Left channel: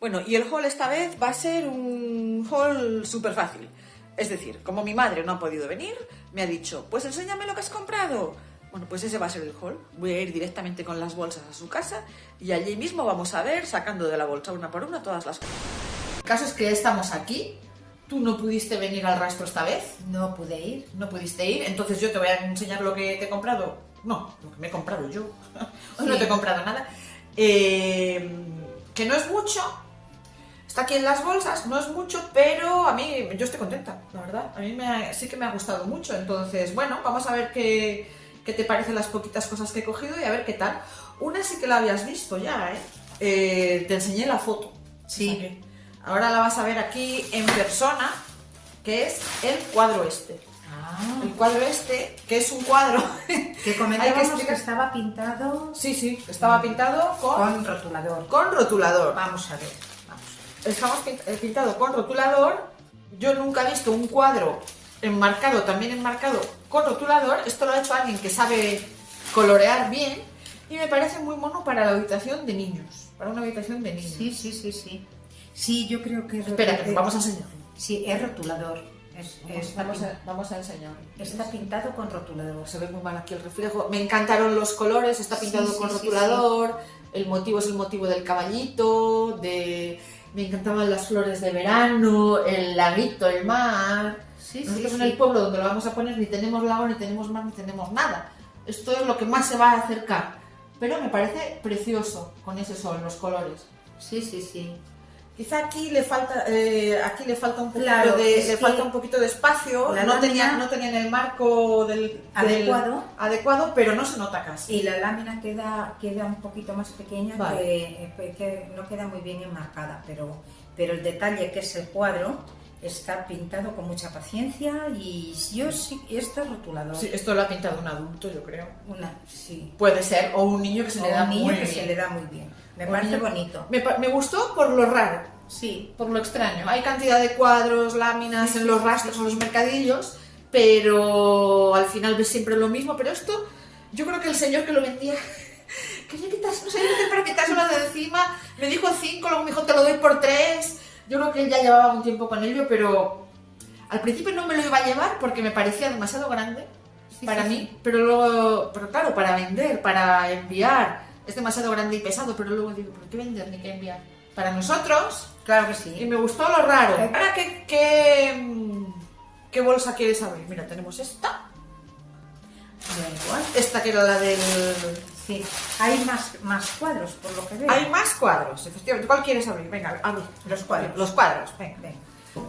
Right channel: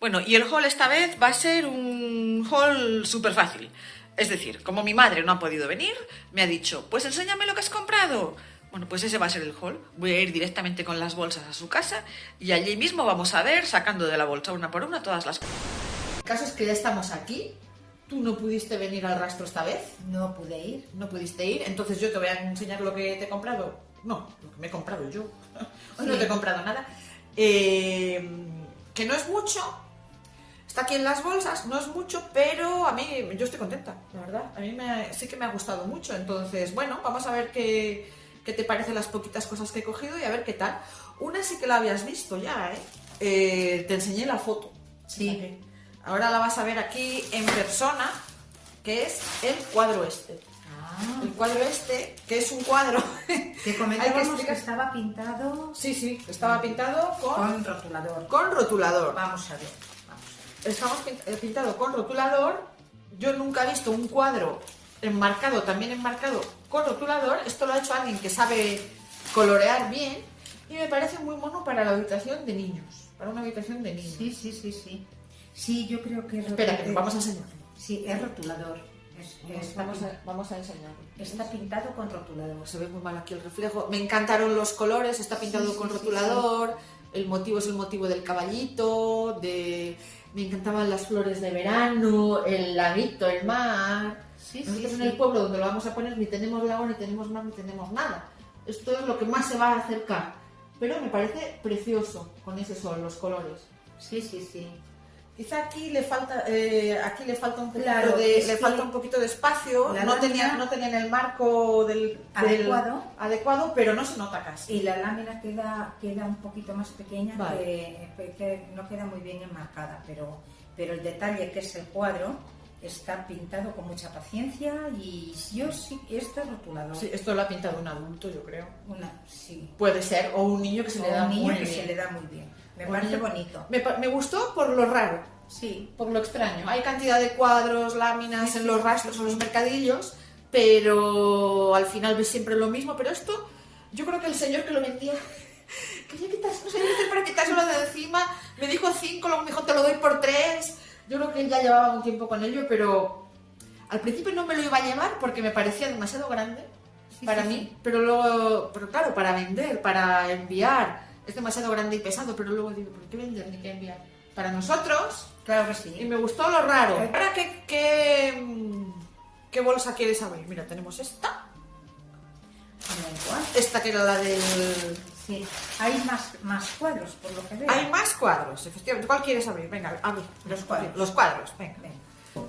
Bueno, y el haul esta vez va a ser un haul súper fácil. Es decir, como mi madre no ha podido venir, me ha dicho, pues enséñame lo que has comprado. Bueno, pues ese va a ser el haul. Voy a ir directamente con las bolsas a su casa y allí mismo vamos a ver, sacando de la bolsa una por una, todas las cosas. El caso es que ya estamos aquí. ¿Tú no pudiste venir al rastro esta vez? No pude ir. No pudiste ir, entonces yo te voy a enseñar lo que te he comprado. No, lo que me he comprado yo. No te he comprado nada. Que no es mucho. Está aquí en las bolsas, no es mucho, pero a mí, yo estoy contenta, la verdad. A mí sí que me ha gustado mucho. Entonces, bueno, vamos a ver qué te parecen las poquitas cosas que he cogido y a ver qué tal. Una sí que la habías visto ya, ¿eh? Te enseñé la foto. Sí. O sea que ahora la vas a ver aquí en persona, que es el cuadro este. El cuadro este, que es un cuadro... Que comentábamos que estaba pintado... Sí, estaba pintado con rotulador. Con rotulador. Vamos a ver. Estamos pintado con rotulador. Yo nunca he visto un cuadro también enmarcado con rotulador. Esto lo ha hecho alguien que sabe colorear bien y me parece muy mono para la habitación de niños. Para una habitación de niños. Sí. Sí, yo creo que... Espera, que vamos a enseñar. Sí, es rotulador. Vamos a enseñar. Está pintado con rotulador. Se ve muy mal aquí el reflejo. Me encantaron los colores, está pintado con rotulador. El motivo es el motivo del caballito, me encantaban las flores de verano, el laguito, el mar. Nosotros en el pueblo donde lo vamos a poner ni tenemos lago, ni tenemos mar, ni tenemos nada. Esto es lo que más se va a acercar. Pero me parece precioso con ese sol, los colores. Sí. Quizá aquí le falta un poquito, claro, falta un poquito de espacio. No tenían el marco adecuado, pero no se nota casi. Y la lámina queda un poquito más pequeña, vale. que no queda muy bien enmarcada, pero el detalle que es el cuadro está pintado con mucha paciencia y yo sí, esto es rotulador. Sí, esto lo ha pintado un adulto, yo creo. Sí. Puede ser, o un niño que se le da muy bien. Me parece bonito. Me gustó por lo raro. Sí. Por lo extraño. Hay cantidad de cuadros, láminas en los rastros o los mercadillos, pero al final ves siempre lo mismo. Pero esto, yo creo que el señor que lo vendía quería quitarse, no sé para quitárselo de encima. Me dijo 5, luego me dijo te lo doy por 3. Yo creo que él ya llevaba un tiempo con ello, pero al principio no me lo iba a llevar porque me parecía demasiado grande para mí. Pero claro, para vender, para enviar, es demasiado grande y pesado, pero luego digo, ¿por qué vender ni qué enviar? Para nosotros, claro que sí. Y me gustó lo raro. Ahora, ¿qué bolsa quieres abrir? Mira, tenemos esta. Esta que era la del... Sí, hay más cuadros, por lo que veo. Hay más cuadros, efectivamente. ¿Cuál quieres abrir? Venga, abre. Los cuadros. Los cuadros, venga.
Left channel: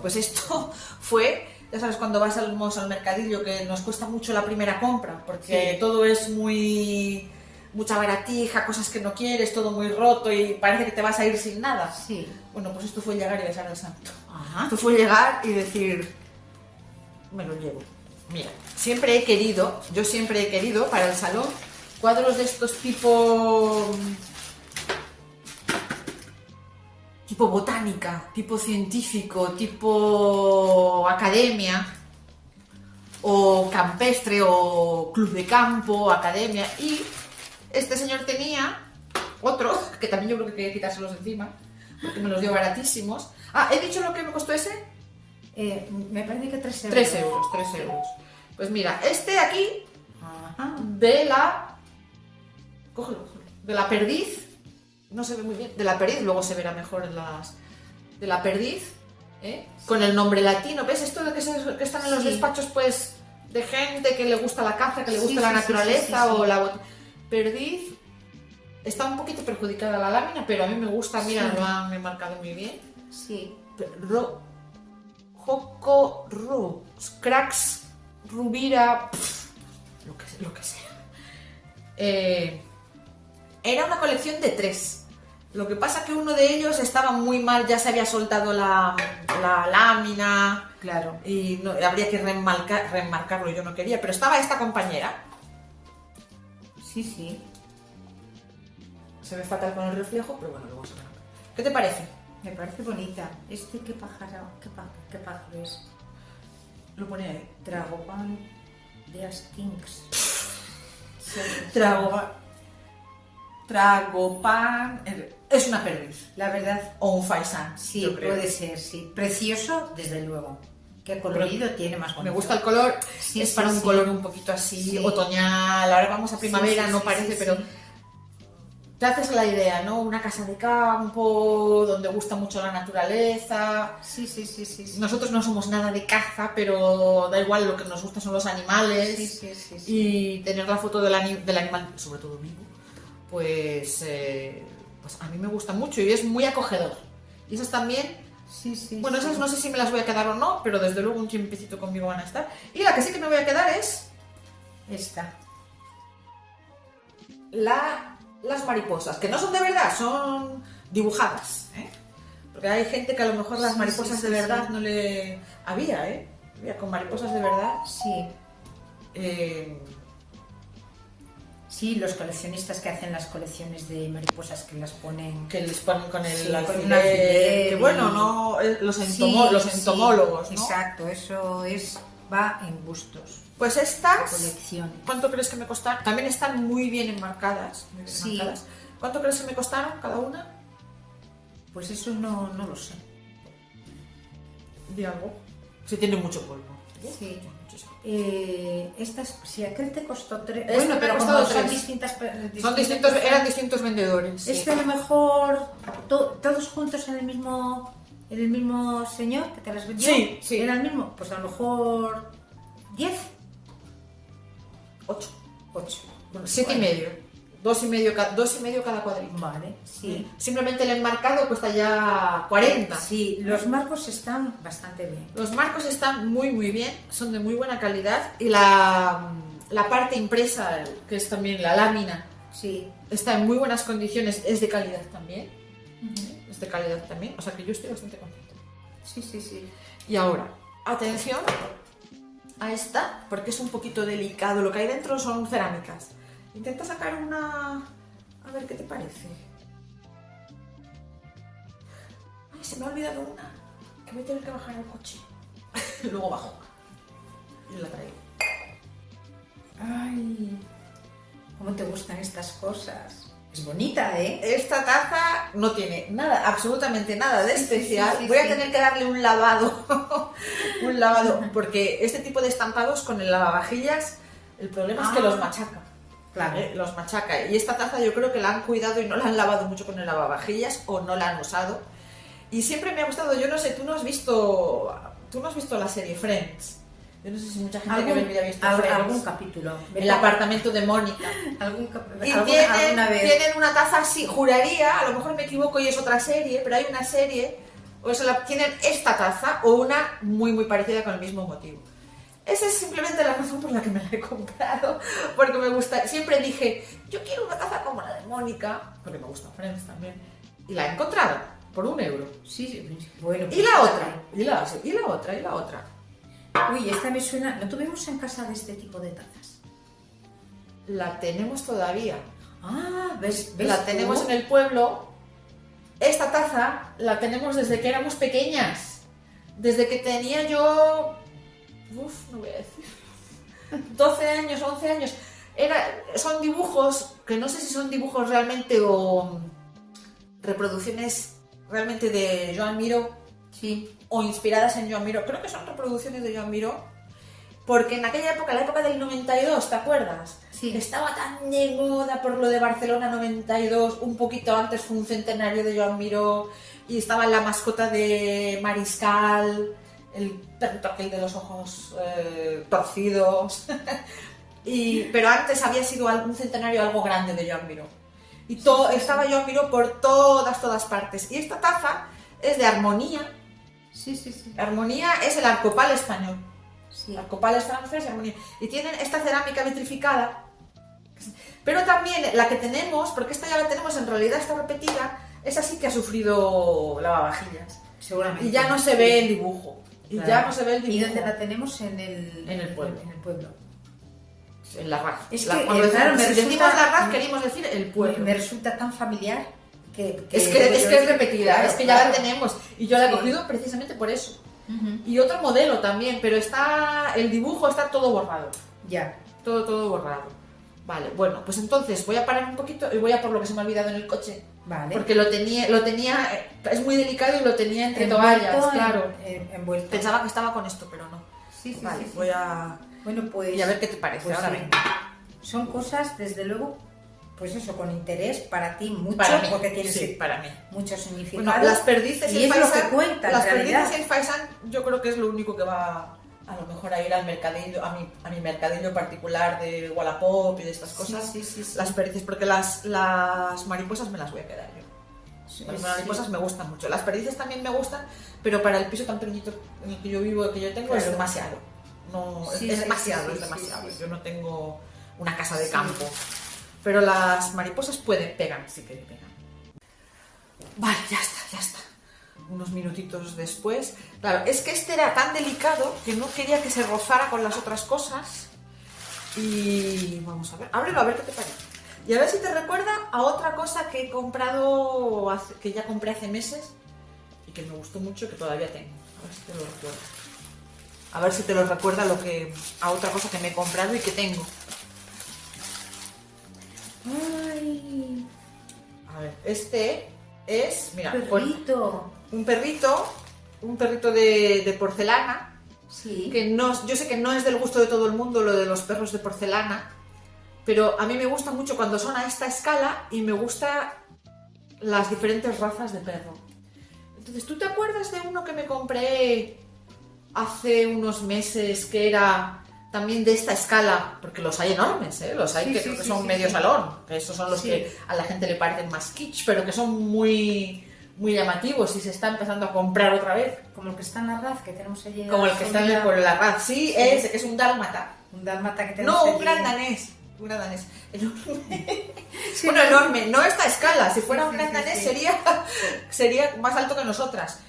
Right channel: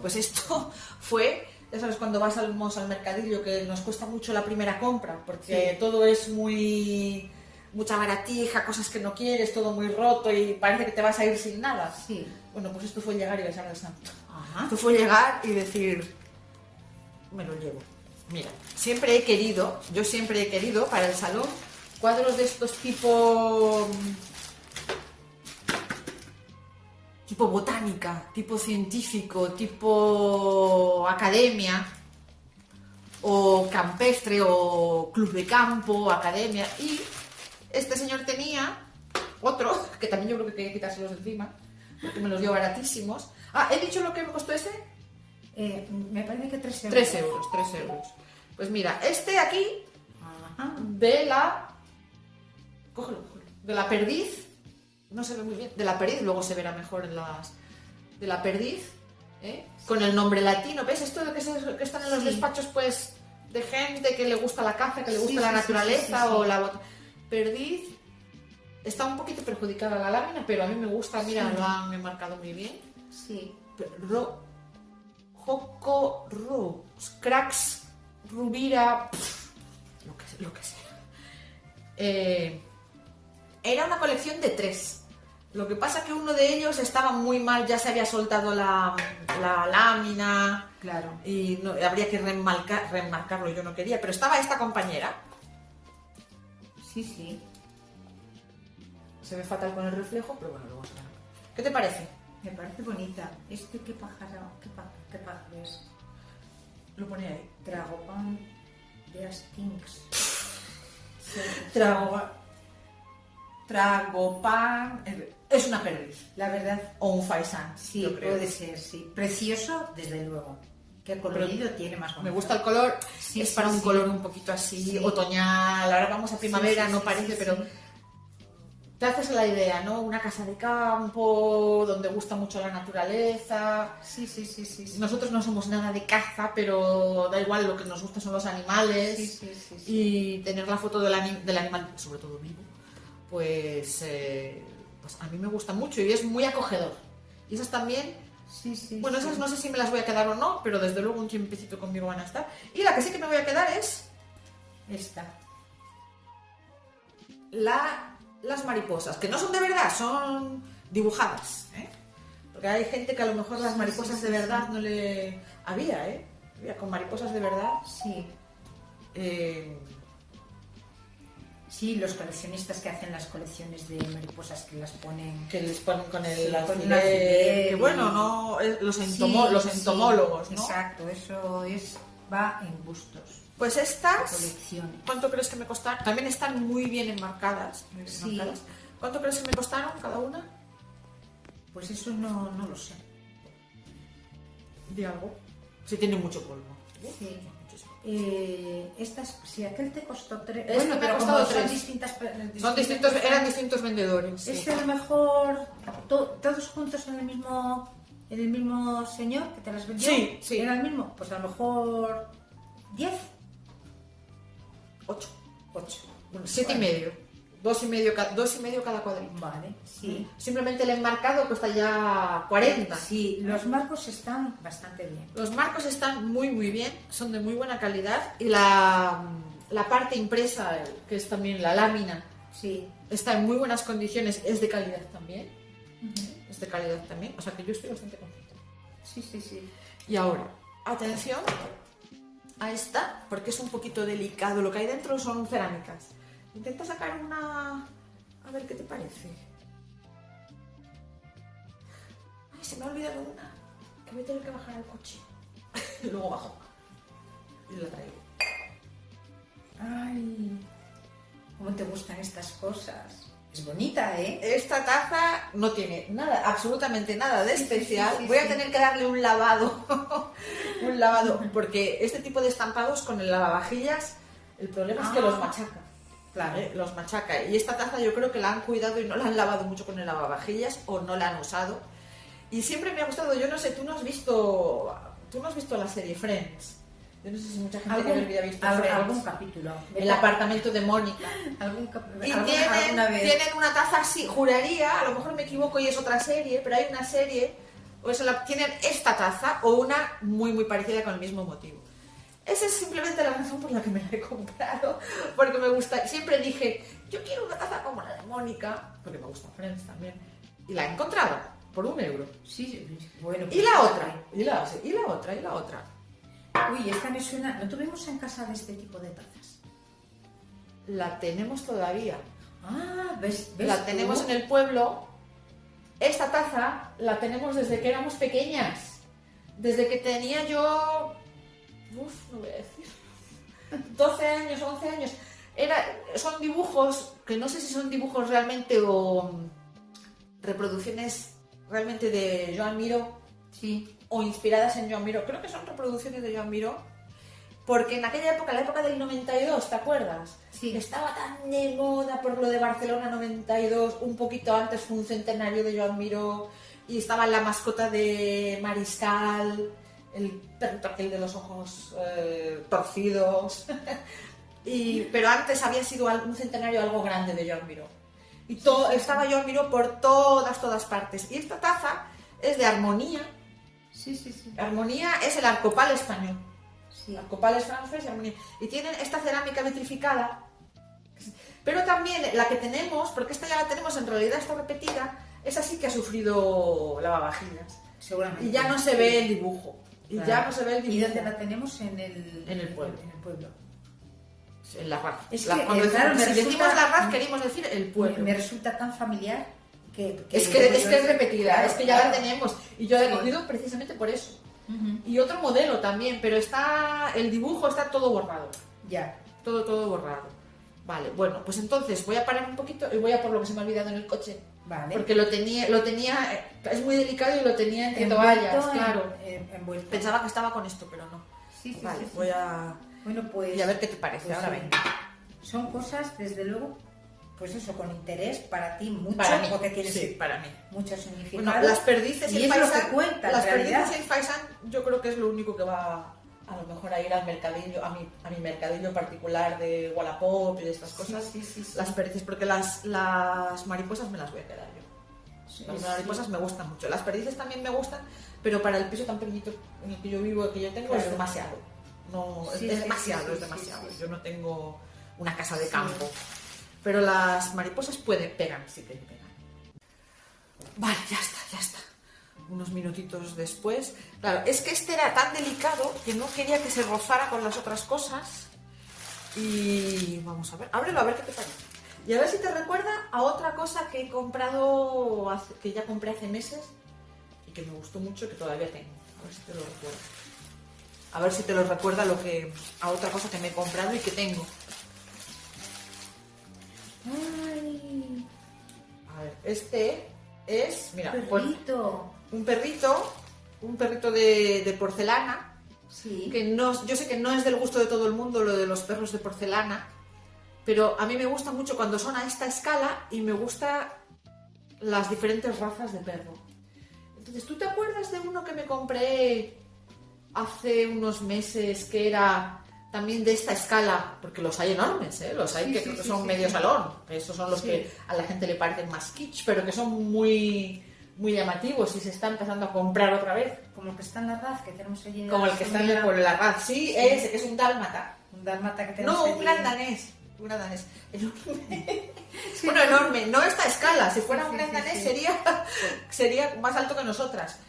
Pues esto fue... Ya sabes, cuando vas al mercadillo, que nos cuesta mucho la primera compra, porque todo es mucha baratija, cosas que no quieres, todo muy roto y parece que te vas a ir sin nada. Sí. Bueno, pues esto fue llegar y besar al santo. Ajá. Esto fue llegar y decir, me lo llevo. Mira, yo siempre he querido para el salón cuadros de estos tipo botánica, tipo científico, tipo academia, o campestre, o club de campo, academia. Y este señor tenía otro, que también yo creo que quería quitárselos de encima, porque me los dio baratísimos. ¿He dicho lo que me costó ese? Me parece que 3 euros. 3 euros. Pues mira, este aquí, de la... Cógelo. De la perdiz. No se ve muy bien. De la perdiz, luego se verá mejor en las... De la perdiz, con el nombre latino. ¿Ves esto de que están en los despachos, pues, de gente que le gusta la caza, que le gusta la naturaleza o la... Perdiz. Está un poquito perjudicada la lámina, pero a mí me gusta. Mira, lo han enmarcado muy bien. Sí. Joco, Cracks, Rubira, lo que sea. Era una colección de 3. Lo que pasa que uno de ellos estaba muy mal, ya se había soltado la lámina. Claro. Y no, habría que remarcarlo, yo no quería. Pero estaba esta compañera. Sí. Se ve fatal con el reflejo, pero bueno, luego está. ¿Qué te parece? Me parece bonita. ¿Qué pájaro es? Lo ponía ahí. Tragopan de Astinks. Tragopan. es una perdiz. La verdad, O un faisán, sí, yo creo. puede ser, sí. Precioso, desde luego. Qué colorido tiene más bonito. Me gusta el color, Sí, es sí, para un sí. color un poquito así, Sí. otoñal. Ahora vamos a primavera, Sí, no sí, parece, sí, pero sí. te haces la idea, ¿no? Una casa de campo, donde gusta mucho la naturaleza. Sí, sí, sí, sí. Sí, Nosotros no somos nada de caza, pero da igual, lo que nos gusta son los animales. sí, sí, sí, sí. Y tener la foto del animal, sobre todo vivo, pues a mí me gusta mucho y es muy acogedor. Y esas también, Sí, sí, bueno, sí. esas no sé si me las voy a quedar o no, pero desde luego un tiempecito conmigo van a estar. Y la que sí que me voy a quedar es Esta. las mariposas, que no son de verdad, son dibujadas, ¿eh? Porque hay gente que a lo mejor las Sí, mariposas sí, de sí, verdad sí. no le... Había, con mariposas de verdad. Sí. Sí, los coleccionistas que hacen las colecciones de mariposas que las ponen... Que les ponen con el Sí, con alfiler, un alfiler que y- bueno, no, los, Sí, los sí, entomólogos, ¿no? Exacto, eso va en gustos. Pues La estas, colección. ¿cuánto crees que me costaron? También están muy bien enmarcadas. muy bien Sí. enmarcadas. ¿Cuánto crees que me costaron cada una? Pues eso no lo sé. Di algo. Si tiene mucho polvo. Sí. Muchísimo. Estas, si aquel te costó 3... Este Bueno, me ha pero costado como son 3. distintas... Son distintos, eran distintos vendedores. sí. Este a lo mejor todos juntos en el mismo señor que te las vendió. Sí, sí. Era el mismo. Pues a lo mejor 10, 8. 8. 7 y medio. 2,5 cada cuadrito. Vale, sí. Simplemente el enmarcado cuesta ya 40. Sí, los marcos están bastante bien. Los marcos están muy muy bien, son de muy buena calidad y la parte impresa, que es también la lámina, Sí. está en muy buenas condiciones, es de calidad también. Es de calidad también, o sea que yo estoy bastante contenta. Sí, sí, sí. Y ahora, atención a esta, porque es un poquito delicado, lo que hay dentro son cerámicas. Intenta sacar una... a ver qué te parece. Ay, se me ha olvidado una, que voy a tener que bajar al coche. Luego bajo y la traigo. Ay, ¿cómo te gustan estas cosas? Es bonita, ¿eh? Esta taza no tiene nada, absolutamente nada de Sí, sí, especial. sí, sí, Voy a sí. tener que darle un lavado, un lavado, porque este tipo de estampados con el lavavajillas, el problema es que los machaca. Claro. Los machaca. Y esta taza yo creo que la han cuidado y no la han lavado mucho con el lavavajillas o no la han usado. Y siempre me ha gustado, yo no sé, tú no has visto la serie Friends. Yo no sé si mucha gente que ve haya visto Friends. Algún capítulo. El apartamento de Mónica. Y Alguna vez. tienen una taza así, juraría, a lo mejor me equivoco y es otra serie, pero hay una serie, tienen esta taza o una muy muy parecida con el mismo motivo. Esa es simplemente la razón por la que me la he comprado, porque me gusta, siempre dije, yo quiero una taza como la de Mónica, porque me gusta Friends también, y la he encontrado, por €1. Sí, bueno. Y la otra, y la otra. Uy, esta me suena... ¿No tuvimos en casa de este tipo de tazas? La tenemos todavía. Ah, ¿ves La tú? tenemos en el pueblo. Esta taza la tenemos desde que éramos pequeñas. Desde que tenía yo... no voy a decir. 12 años, 11 años. Son dibujos, que no sé si son dibujos realmente o reproducciones realmente de Joan Miró. Sí. O inspiradas en Joan Miró. Creo que son reproducciones de Joan Miró. Porque en aquella época, la época del 92, ¿te acuerdas? Sí. Estaba tan de moda por lo de Barcelona 92, un poquito antes fue un centenario de Joan Miró, y estaba la mascota de Mariscal, el perrito aquel de los ojos torcidos, pero antes había sido un centenario algo grande de Joan Miró. Y estaba Joan Miró por todas partes. Y esta taza es de Armonía. Sí, sí, sí. Armonía es el arcopal español. Sí. Arcopal es francés, Armonía. Y tienen esta cerámica vitrificada. Pero también la que tenemos, porque esta ya la tenemos, en realidad está repetida, esa sí que ha sufrido lavavajillas. Seguramente. Y ya no se ve el dibujo. Claro. Ya no se ve el dibujo. ¿Y dónde la tenemos? En el pueblo. En el pueblo. En la RAF. Es que, Cuando claro, me decimos resulta- la RAF, queremos decir el pueblo. Me resulta tan familiar que Es que es repetida, Claro, es que ya claro. la tenemos. Y yo la he Sí. cogido precisamente por eso. Ujú. Y otro modelo también, pero el dibujo está todo borrado. Ya. Todo borrado. Vale, bueno, pues entonces voy a parar un poquito y voy a por lo que se me ha olvidado en el coche. Vale. Porque lo tenía, es muy delicado y lo tenía entre Envuelto toallas, claro. Envuelto. Pensaba que estaba con esto, pero no. Sí, sí, Vale, sí, sí. voy a... Bueno, pues... Y a ver qué te parece, pues ahora sí. venga. Son cosas, desde luego, pues eso, con interés para ti mucho, Para mí, porque tienen sí, para mí. mucho significado. Bueno, las perdices y y el es lo faisán, que cuenta, las en realidad. perdices y el faisán, yo creo que es lo único que va a lo mejor a ir al mercadillo, a mi mercadillo particular de Wallapop y de estas cosas. Sí, sí, sí. Las perdices, porque las mariposas me las voy a quedar yo. Sí, Las mariposas me gustan mucho. Las perdices también me gustan, pero para el piso tan pequeñito en el que yo vivo, que yo tengo, es Claro. demasiado. No, Sí, es sí, demasiado, sí, es sí, demasiado. sí, sí. Yo no tengo una casa de Sí. campo. Pero las mariposas pegan, sí que pegan. Vale, ya está. Unos minutitos después. Claro, es que este era tan delicado que no quería que se rozara con las otras cosas. Y vamos a ver, ábrelo a ver qué te parece. Y a ver si te recuerda a otra cosa que he comprado, que ya compré hace meses y que me gustó mucho y que todavía tengo. A ver si te lo recuerda. A ver si te lo recuerda a otra cosa que me he comprado y que tengo. ¡Ay! A ver, este es, mira, Perrito. un perrito de porcelana, Sí. que no, yo sé que no es del gusto de todo el mundo lo de los perros de porcelana, pero a mí me gusta mucho cuando son a esta escala y me gusta las diferentes razas de perro. Entonces, ¿tú te acuerdas de uno que me compré hace unos meses que era también de esta escala? Porque los hay enormes, ¿eh? Los hay Sí, que sí, creo que sí, son sí, medio sí. salón. Esos son los Sí. que a la gente le parecen más kitsch, pero que son muy, muy llamativos y se está empezando a comprar otra vez. Como el que está en la RAF, que tenemos allí. Como el que está en por la RAF. Sí, Sí. ese que es un dálmata. Un dálmata que tenemos No, allí. un gran danés. Un gran danés. Enorme. Sí, Bueno, enorme. No esta escala. Si fuera Sí, un sí, gran sí, danés sí. sería más alto que nosotras.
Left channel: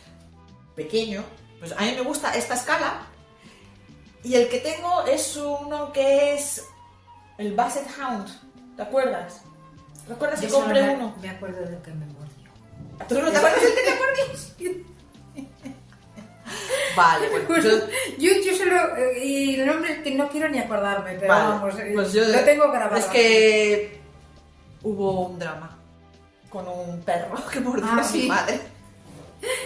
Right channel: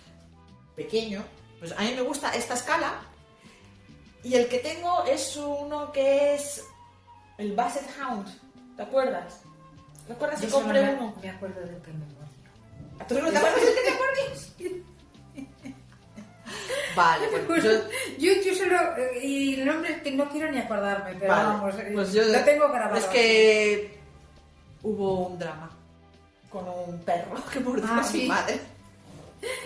Pequeño. Pues a mí me gusta esta escala. Y el que tengo es uno que es el Basset Hound. ¿Te acuerdas? ¿Recuerdas Yo que solo compré uno? me acuerdo del que me mordió. ¿Tú no te acuerdas del que te mordí? Vale, pues Yo solo. Y el nombre que no quiero ni acordarme, pero vale, vamos. pues yo Lo tengo grabado. Es que hubo un drama con un perro que mordió a mi sí. madre.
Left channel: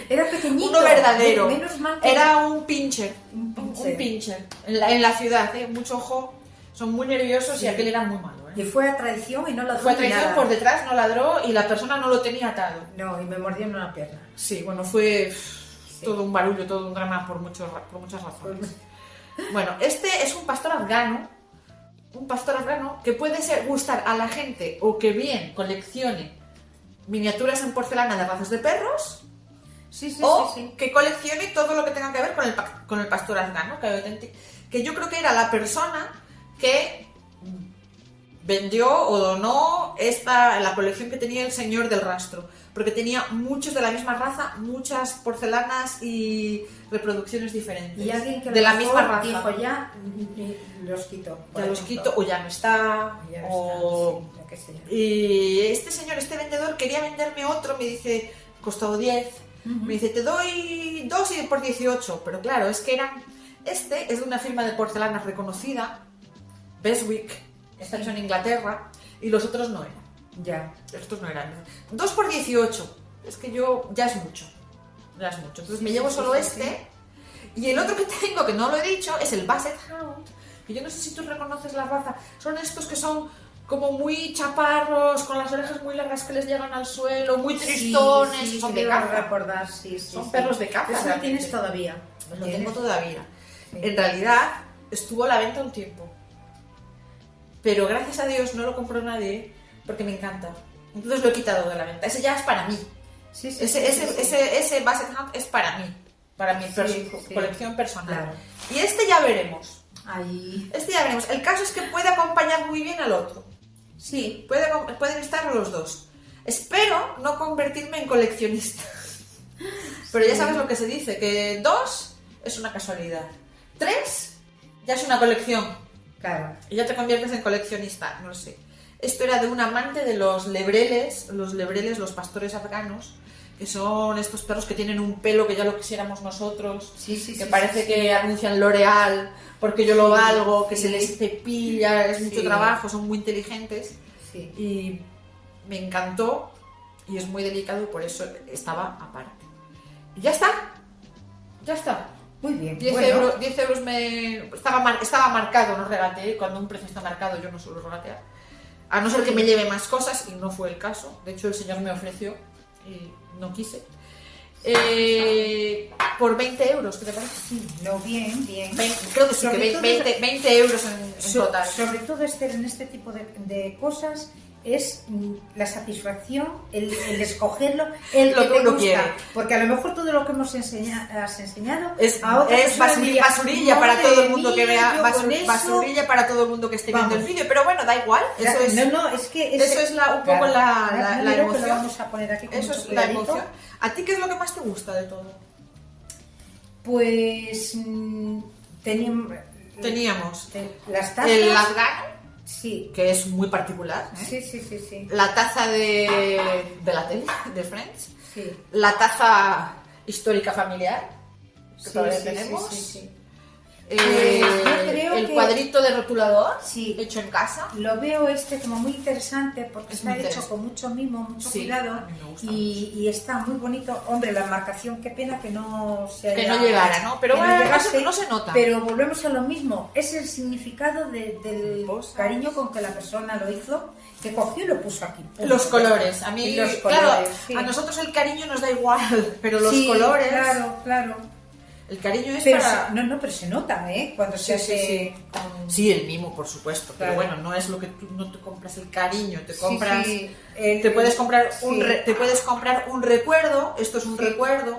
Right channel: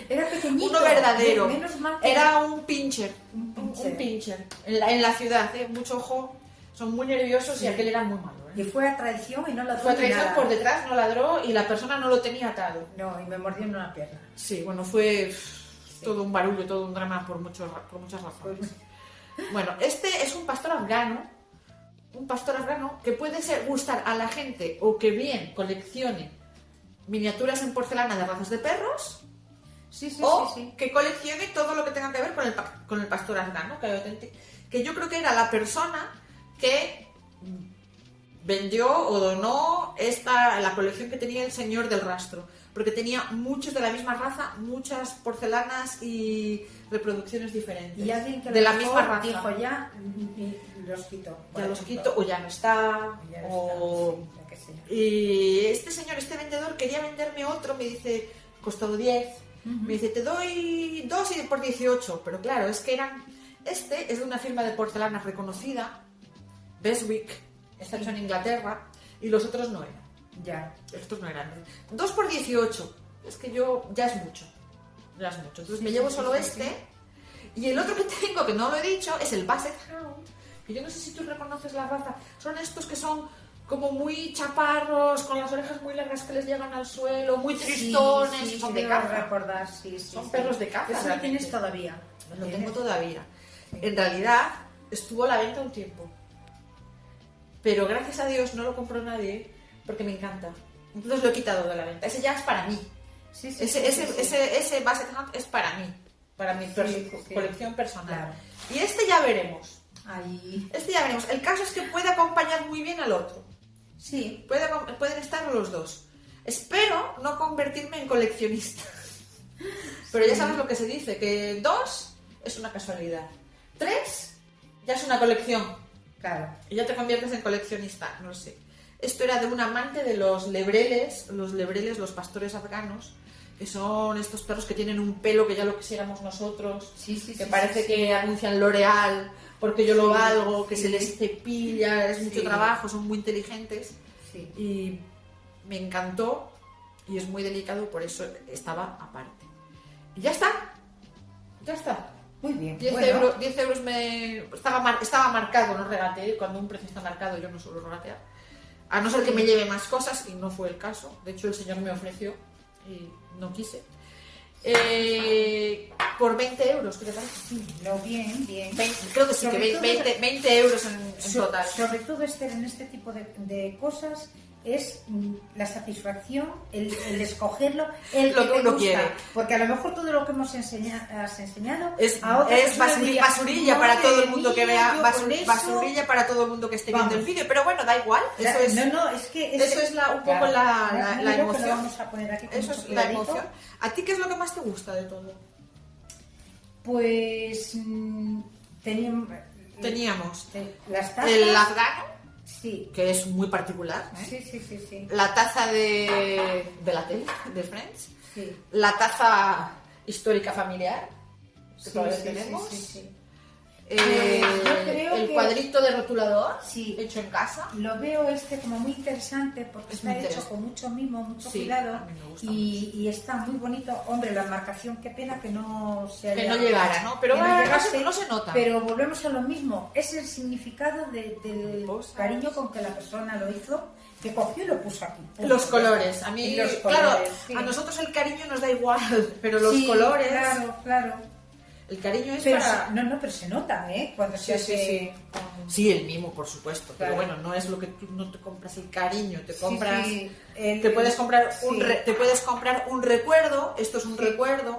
Era pequeñito. Uno verdadero. Menos mal que- Era un pincher. Un pincher. Un pincher. En la ciudad, ¿eh? Mucho ojo. Son muy nerviosos Sí. y aquel era muy malo. Y fue a traición y no la Fue a traición por detrás, no ladró y la persona no lo tenía atado. No, y me mordió en una pierna. Sí, bueno, fue todo un barullo, todo un drama por muchas razones. Bueno, este es un pastor afgano que puede gustar a la gente o que bien coleccione miniaturas en porcelana de razas de perros Sí, sí, o sí, sí. que coleccione todo lo que tenga que ver con el pastor afgano, que yo creo que era la persona que vendió o donó la colección que tenía el señor del rastro, porque tenía muchos de la misma raza, muchas porcelanas y reproducciones diferentes Y alguien que de lo la mejor misma raza. dijo ya, los quito. por Ya los ejemplo. quito o ya no está, Ya no o... está, sí, lo que sea. Y este vendedor quería venderme otro, me dice, costado 10, me dice, te doy 2 y por 18, pero claro, es que este es de una firma de porcelana reconocida, Beswick, esta es en Inglaterra, y los otros no eran. Ya. Estos no eran. 2 por 18. Es que ya es mucho. Entonces Sí, me sí, llevo sí, solo sí, este. Y el otro que tengo, que no lo he dicho, es el Basset Hound. Que yo no sé si tú reconoces la raza. Son estos que son como muy chaparros, con las orejas muy largas que les llegan al suelo, muy tristones, Sí, son de creo caza. recordar, sí, sí, Son sí. perros de caza, Eso lo realmente. tienes todavía. Lo tengo todavía. Sí. En realidad, estuvo a la venta un tiempo. Pero gracias a Dios no lo compró nadie porque me encanta. Entonces lo he quitado de la venta. Ese ya es para mí. Sí, sí, Ese Basset Hound es para mí. Para mi Sí, colección personal. Claro. Y este ya veremos. Ahí. Este ya veremos. El caso es que puede acompañar muy bien al otro. Sí. Pueden estar los dos. Espero no convertirme en coleccionista. Pero ya sabes lo que se dice, que 2 es una casualidad. 3 ya es una colección. Claro. Y ya te conviertes en coleccionista, no sé. Esto era de un amante de los lebreles, los pastores afganos, que son estos perros que tienen un pelo que ya lo quisiéramos nosotros, Sí, sí, que sí, parece sí, que anuncian L'Oreal, porque yo lo valgo, que sí. se les cepilla, es mucho Sí. trabajo, son muy inteligentes. Sí. Y me encantó y es muy delicado y por eso estaba aparte. Y ya está. Ya está. Muy bien. 10 bueno. euros, 10 euros estaba marcado, no regateé. Cuando un precio está marcado yo no suelo regatear. A no ser que me lleve más cosas, y no fue el caso. De hecho, el señor me ofreció y no quise. Por 20 euros, ¿qué te parece? Sí, no, bien. Creo que sí, Sobre que todo- 20 euros en total. Sobre todo en este tipo de cosas es la satisfacción, el escogerlo, el que Lo que te uno gusta. quiere. Porque a lo mejor todo lo que has enseñado Es a otras personas dirían, basurilla para "Madre todo el mundo que mía, vea, yo con eso". basurilla para todo el mundo que esté viendo Vamos. el vídeo, pero bueno, da igual. Eso es, No, es que eso es un poco claro. la Mira que emoción. lo vamos a poner aquí con Eso mucho es la cuidadito. emoción. ¿A ti qué es lo que más te gusta de todo? Pues Teníamos las tazas. el afgano, Sí. que es muy particular, ¿eh? Sí. La taza de la tele, de Friends, Sí. la taza histórica familiar, que Sí, todavía sí, tenemos, sí. Pues yo creo el que- cuadrito de rotulador, Sí. hecho en casa. Lo veo como muy interesante porque Es está muy hecho interesante. con mucho mimo, mucho Sí, cuidado a mí me gusta y está muy bonito. Hombre, la marcación, qué pena que no se Que no llegara, ¿no? Pero que bueno, llegase, no se nota. Pero volvemos a lo mismo. Es el significado del Cosas. cariño con que la persona lo hizo, que cogió y lo puso aquí. Los colores, a mí, Y los claro, colores, sí. a nosotros el cariño nos da igual, pero los Sí, colores, Claro. el cariño es Pero para... pero se nota, ¿eh? Cuando se Sí, hace sí. con- Sí, el mimo, por supuesto, pero Claro. bueno, no es lo que tú no te compras el cariño, te Sí, compras... sí. Te puedes comprar Sí. te puedes comprar un recuerdo, esto es un Sí. recuerdo,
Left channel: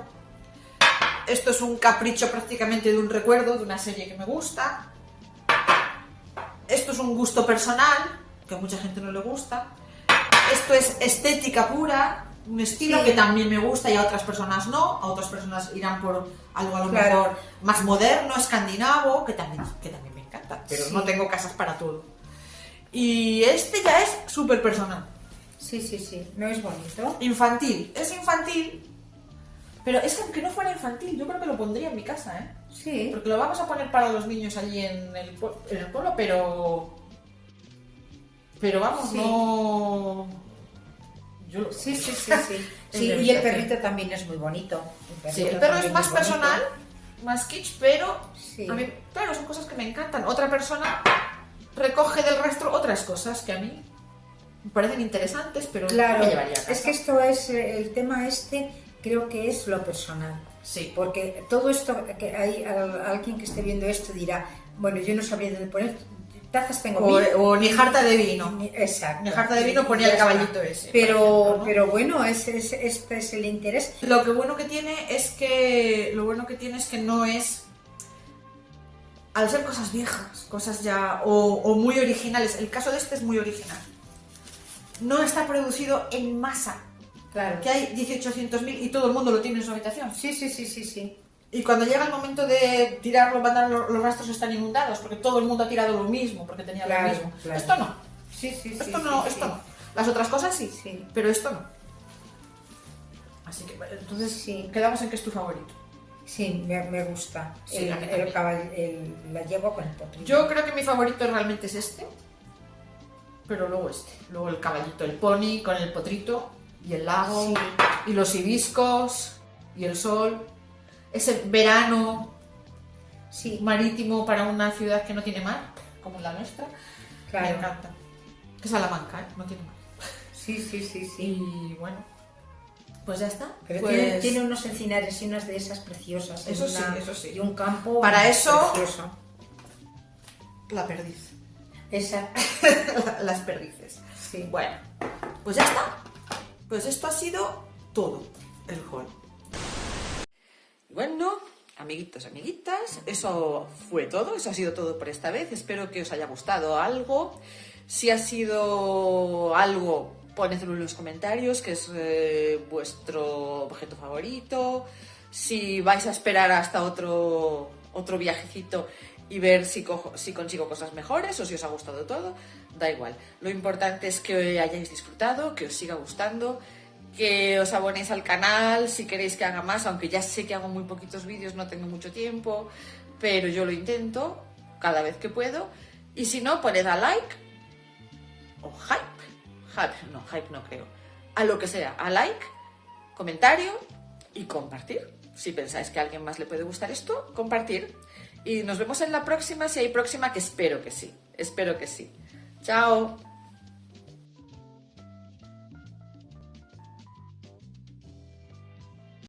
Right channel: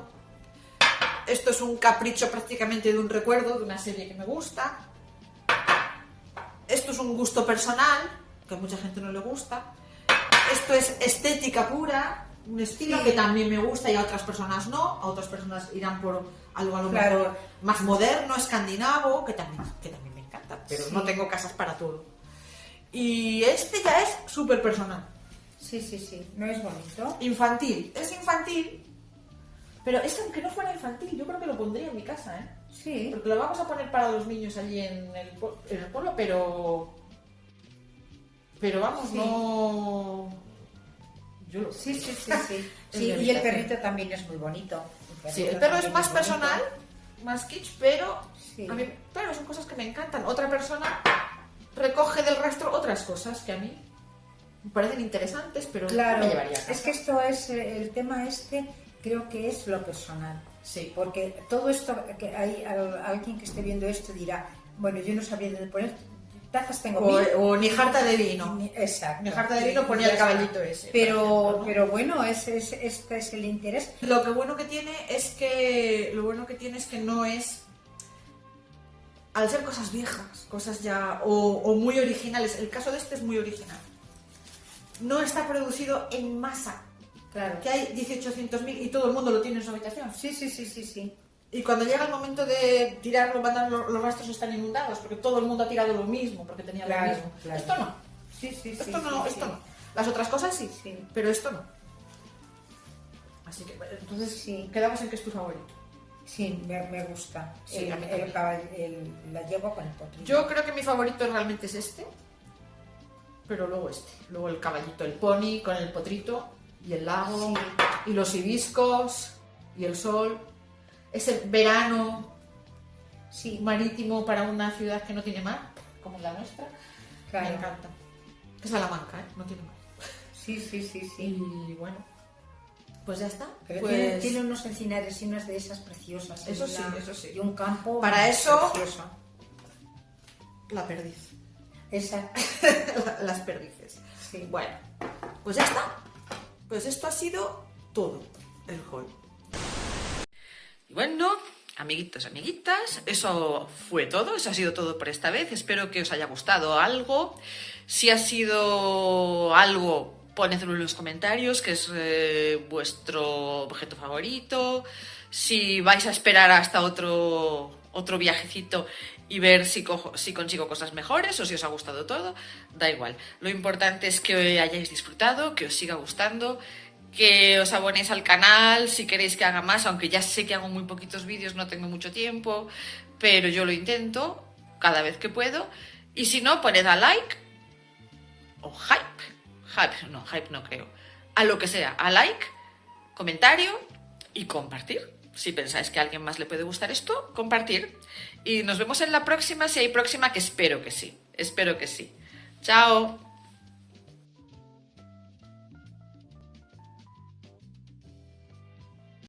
esto es un capricho prácticamente de un recuerdo, de una serie que me gusta, esto es un gusto personal, que a mucha gente no le gusta, esto es estética pura, un estilo Sí. que también me gusta y a otras personas no, a otras personas irán por algo a lo Claro. mejor más moderno, escandinavo, que también me encanta, pero Sí. no tengo casas para todo. Y este ya es súper personal. Sí. ¿No es bonito? Infantil, es infantil, pero es que aunque no fuera infantil, yo creo que lo pondría en mi casa, ¿eh? Sí. Porque lo vamos a poner para los niños allí en el pueblo, pero vamos, Sí. no... Yo lo... Sí. En Sí, mi y el habitación. perrito también es muy bonito. Sí, el perro también es más bonito. personal, más kitsch, pero Sí. a mí, claro, son cosas que me encantan. Otra persona recoge del rastro otras cosas que a mí me parecen interesantes, pero no Claro, me llevaría a casa. es que esto es el tema creo que es lo personal. Sí. Porque todo esto, que hay alguien que esté viendo esto dirá, bueno, yo no sabría dónde poner tazas, tengo mil. O ni jarta de vino. Exacto. Ni jarta de vino ponía el caballito ese. Pero, por ejemplo, ¿no? pero bueno, este es el interés. Lo bueno que tiene es que no es, al ser cosas viejas, cosas ya o muy originales. El caso de este es muy original. No está producido en masa. Claro. Que hay 1800.000 y todo el mundo lo tiene en su habitación. Sí. Y cuando llega el momento de tirarlo, los rastros están inundados porque todo el mundo ha tirado lo mismo, porque tenía Claro, lo mismo. claro. Esto no. Sí. Esto no. Las otras cosas sí, Sí. pero esto no. Así que, entonces, Sí. quedamos en que es tu favorito. Sí, me gusta. Sí, a mí también. La llevo con el potrillo. Yo creo que mi favorito realmente es este, pero luego este. Luego el caballito, el pony con el potrito y el lago Sí. y los hibiscos y el sol. Ese verano Sí, marítimo para una ciudad que no tiene mar, como la nuestra. Me claro. encanta. Que Salamanca, ¿eh? No tiene mar. Sí. Y bueno, pues ya está. Pero Pues, tiene unos encinares y unas de esas preciosas. Eso sí. Y un campo Para eso- precioso. la perdiz. Esa, Las perdices. sí. Bueno, pues ya está. Pues esto ha sido todo el haul. Y bueno, amiguitos, amiguitas, eso fue todo. Eso ha sido todo por esta vez. Espero que os haya gustado algo. Si ha sido algo, ponedlo en los comentarios, que es vuestro objeto favorito. Si vais a esperar hasta otro viajecito y ver si consigo cosas mejores o si os ha gustado todo, da igual. Lo importante es que hayáis disfrutado, que os siga gustando, que os abonéis al canal si queréis que haga más, aunque ya sé que hago muy poquitos vídeos, no tengo mucho tiempo, pero yo lo intento cada vez que puedo. Y si no, poned a like o hype no creo, a lo que sea, a like, comentario y compartir. Si pensáis que a alguien más le puede gustar esto, compartir. Y nos vemos en la próxima, si hay próxima, que espero que sí. Espero que sí. Chao.